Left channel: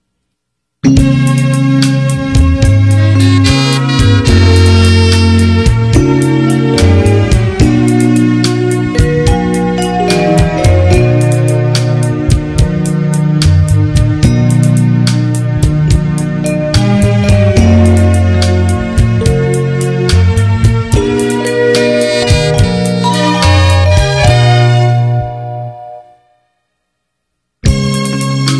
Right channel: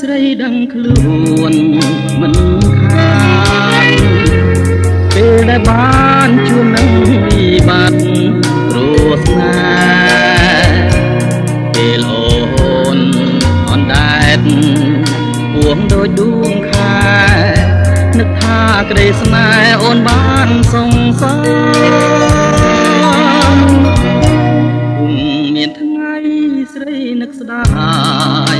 ស្រីដឹងខ្លួនមិនខាតពេលដែលបានជួបដឹងពីបាត់រស់ណាពេលអូនអនដែតពួងដូចដួងខែនឹកថាក្តីស្នេហ៍អូនបានសងសឹកមានថ្ងៃស្រីនឹកស្ដាយ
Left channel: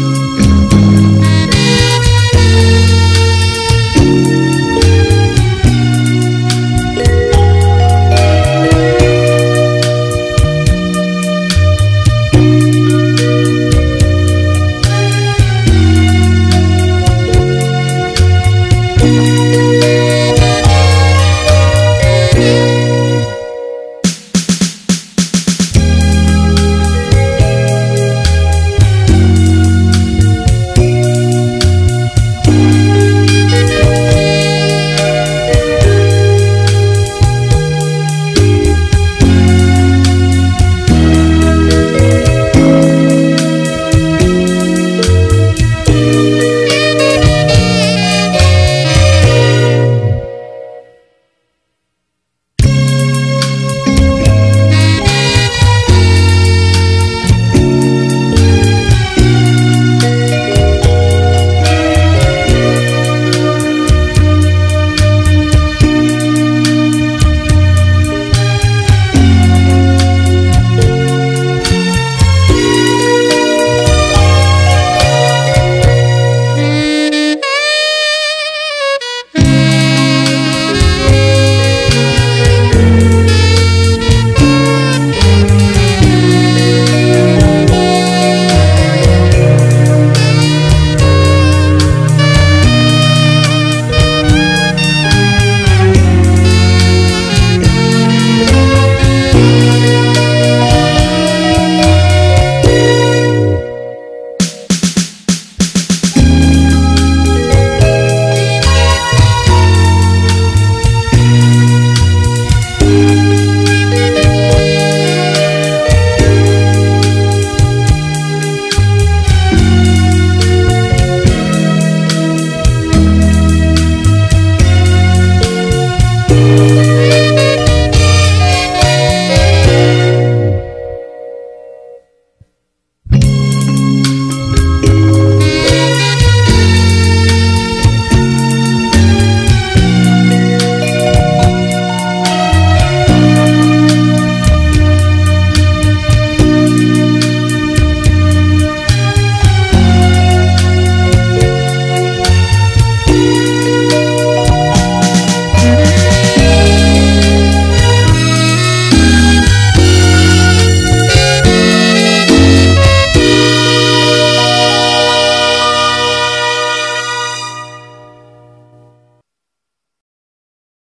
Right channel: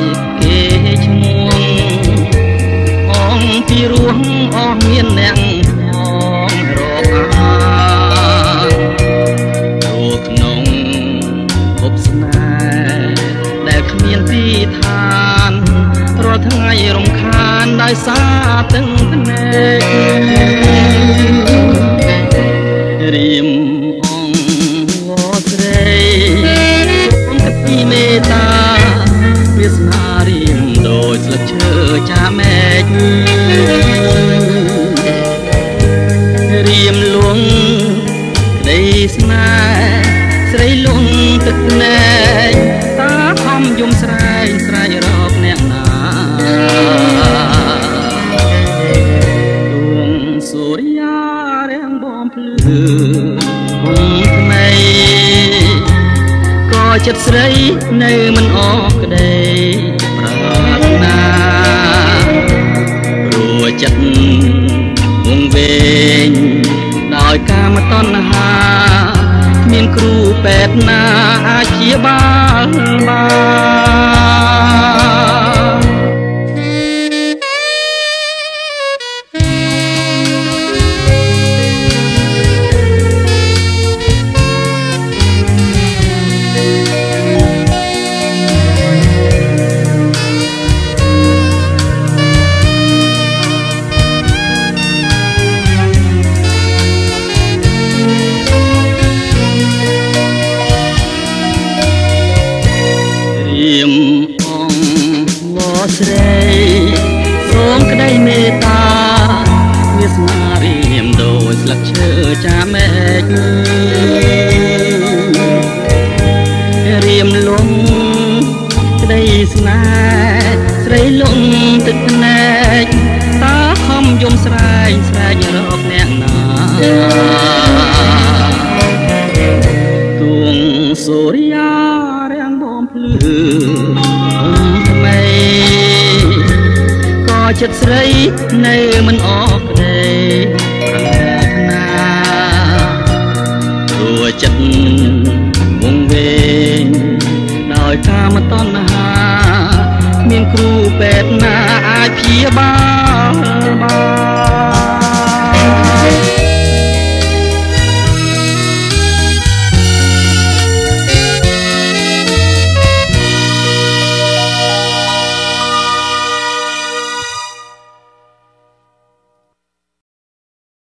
ចិត្តស្រីនៅមិនអស់ក្តីប្រាថ្នាព្រោះចិត្តវងវែងដោយកាមតណ្ហាមានគ្រូពេទ្យណាអាចព្យាបាលបានសូរិយារាំងបំភ្លឺថ្មីក៏ចិត្តស្រី